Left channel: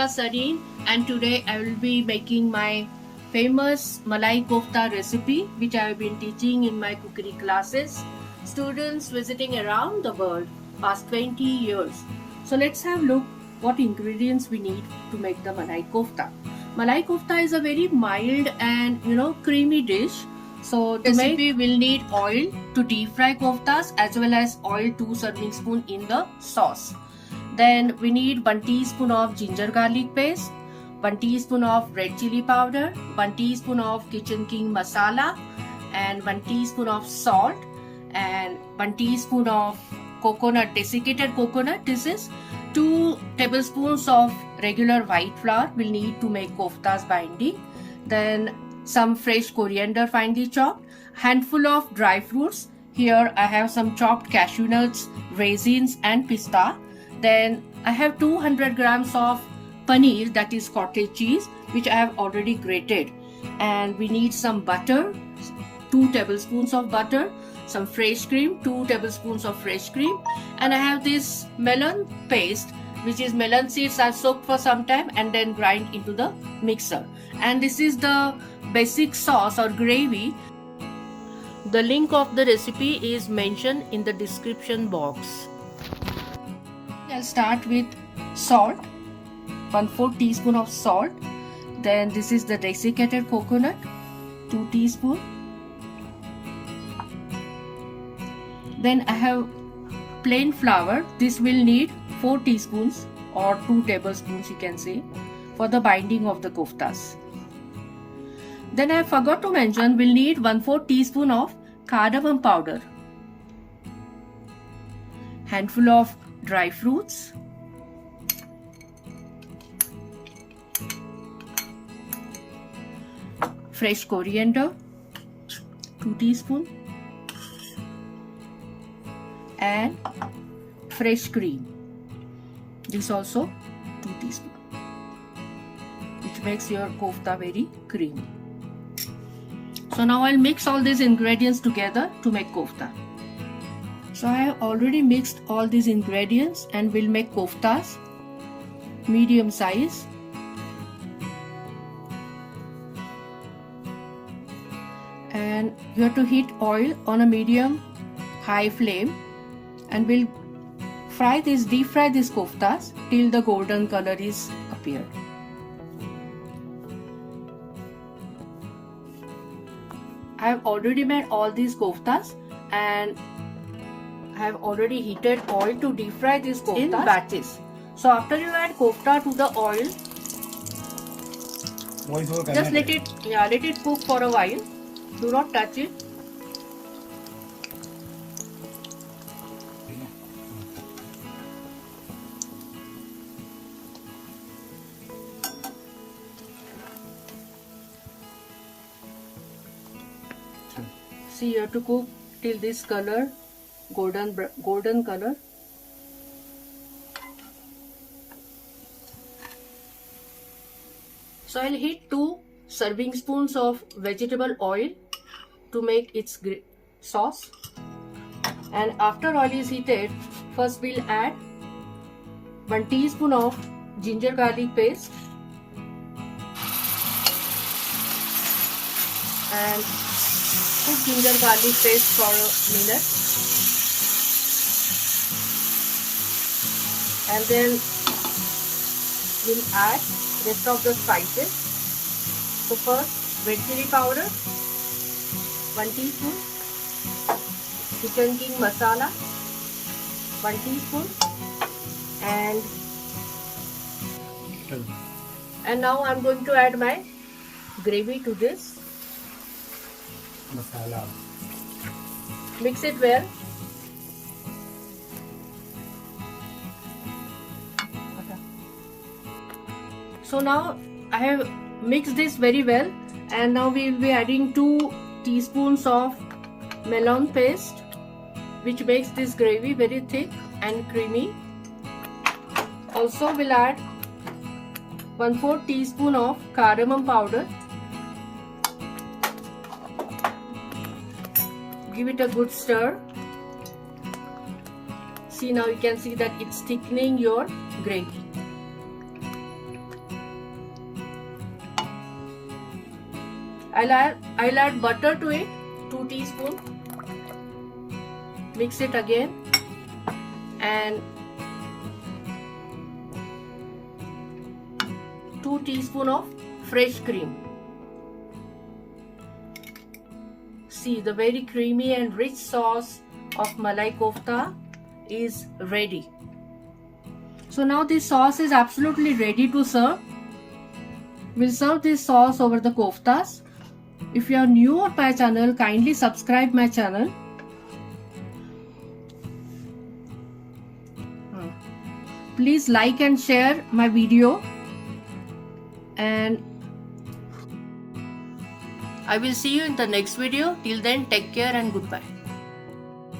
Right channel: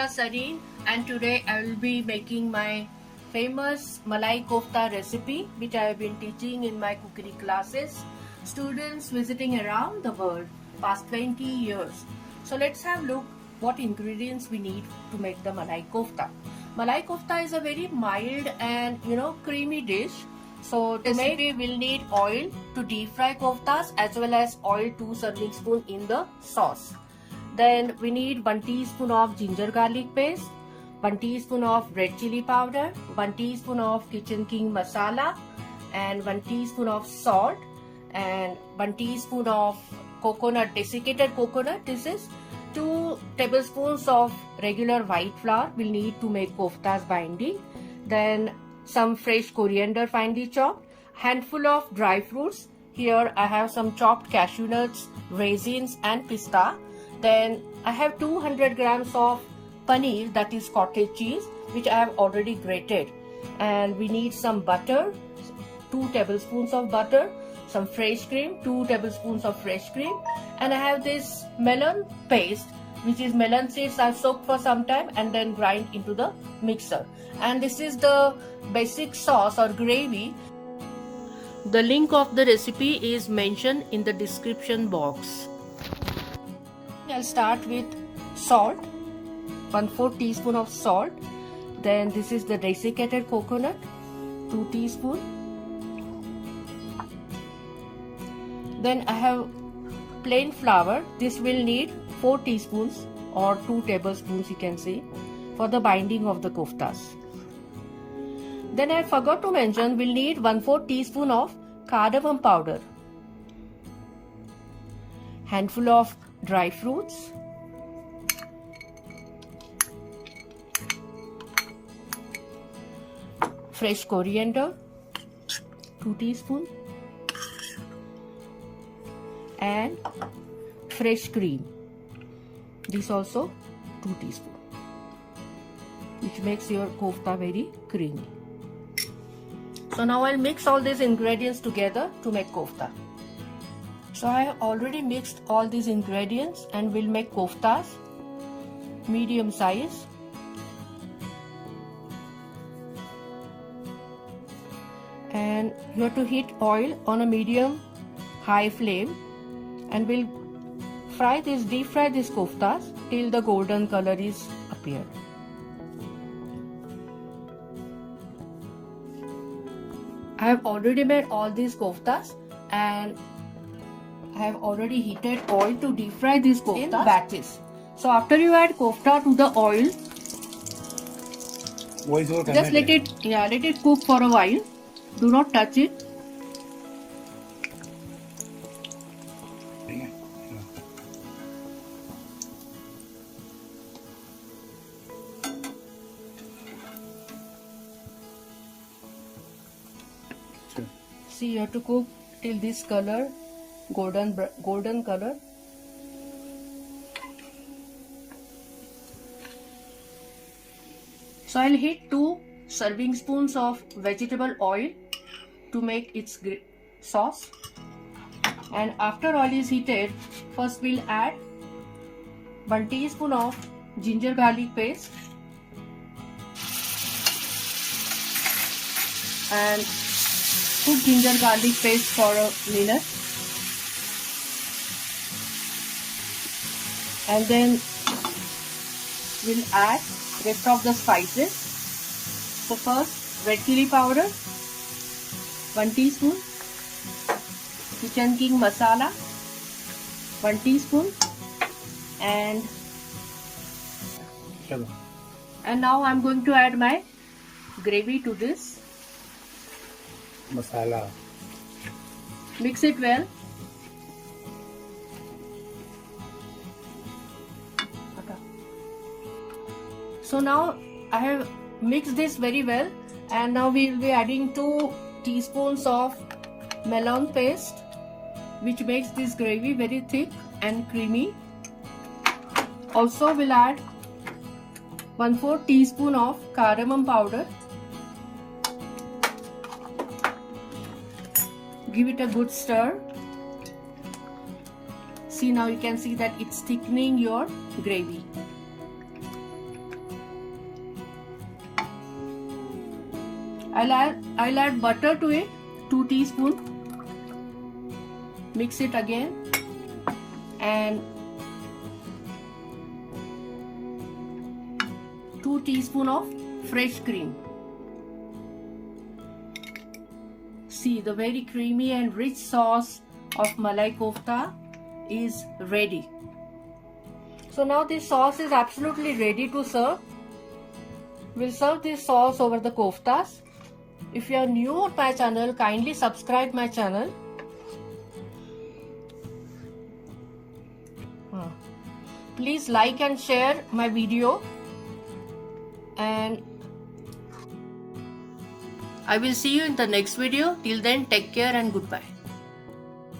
Nisha and today I will be making my famous Malai Kofta recipe which I have been teaching in my cookery classes. Students visiting around the world past 20 years. So let's have a look what ingredients we need to make the Malai Kofta. Malai Kofta is a very mild and creamy dish. So to make we will need oil to deep fry koftas as well as oil 2 serving spoon in the sauce. Then we need 1 teaspoon of ginger garlic paste, 1 teaspoon of red chilli powder, 1 teaspoon of kitchen king masala, and 1 teaspoon of salt, and 1 teaspoon of coconut, desiccated coconut. This is 2 tablespoons of regular white flour we'll need to make koftas binding. Then some fresh coriander finely chopped, handful of dry fruits. Here I have some chopped cashew nuts, raisins and pista. Then I have 200 grams of paneer, that is cottage cheese, which I have already grated. And we need some butter, 2 tablespoons of butter, some fresh cream, 2 tablespoons of fresh cream. And I have this melon paste, which is melon seeds I've soaked for some time and then grind into the mixer. And this is the basic sauce or gravy. The link of the recipe is mentioned in the description box. I'll start with salt, 1/4 teaspoon of salt. Then this is the desiccated coconut, 2 teaspoon. Then I have plain flour. This will need 4 teaspoons or 2 tablespoons, you can say, for the binding of the koftas. Then I forgot to mention we'll need 1/4 teaspoon of cardamom powder, handful of dry fruits, fresh coriander, 2 teaspoon, and fresh cream, this also 2 teaspoon, which makes your kofta very creamy. So now I'll mix all these ingredients together to make kofta. So I have already mixed all these ingredients and we'll make koftas medium size. And you have to heat oil on a medium high flame and we'll deep fry these koftas till the golden color is appeared. I have already made all these koftas and I have already heated oil to deep fry these koftas in batches. So after you add kofta to the oil, just let it cook for a while. Do not touch it. See, you have to cook till this color, golden color. So I'll heat 2 serving spoons of vegetable oil to make its sauce. And after oil is heated, first we'll add 1 teaspoon of ginger garlic paste and cook ginger garlic paste for a minute. And then we'll add rest of the spices. So first, red chilli powder, 1 teaspoon, kitchen king masala, 1 teaspoon, and now I'm going to add my gravy to this. Masala. Mix it well. So now I have mixed this very well, and now we will be adding 2 teaspoons of melon paste, which makes this gravy very thick and creamy. Also we'll add 1/4 teaspoon of cardamom powder. Give it a good stir. See, now you can see that it's thickening your gravy. I'll add butter to it, 2 teaspoons. Mix it again, and 2 teaspoons of fresh cream. See, the very creamy and rich sauce of Malai Kofta is ready. So now this sauce is absolutely ready to serve. We'll serve this sauce over the koftas. If you are new on my channel, kindly subscribe my channel. Please like and share my video. And I will see you in the next video. Till then, take care and goodbye.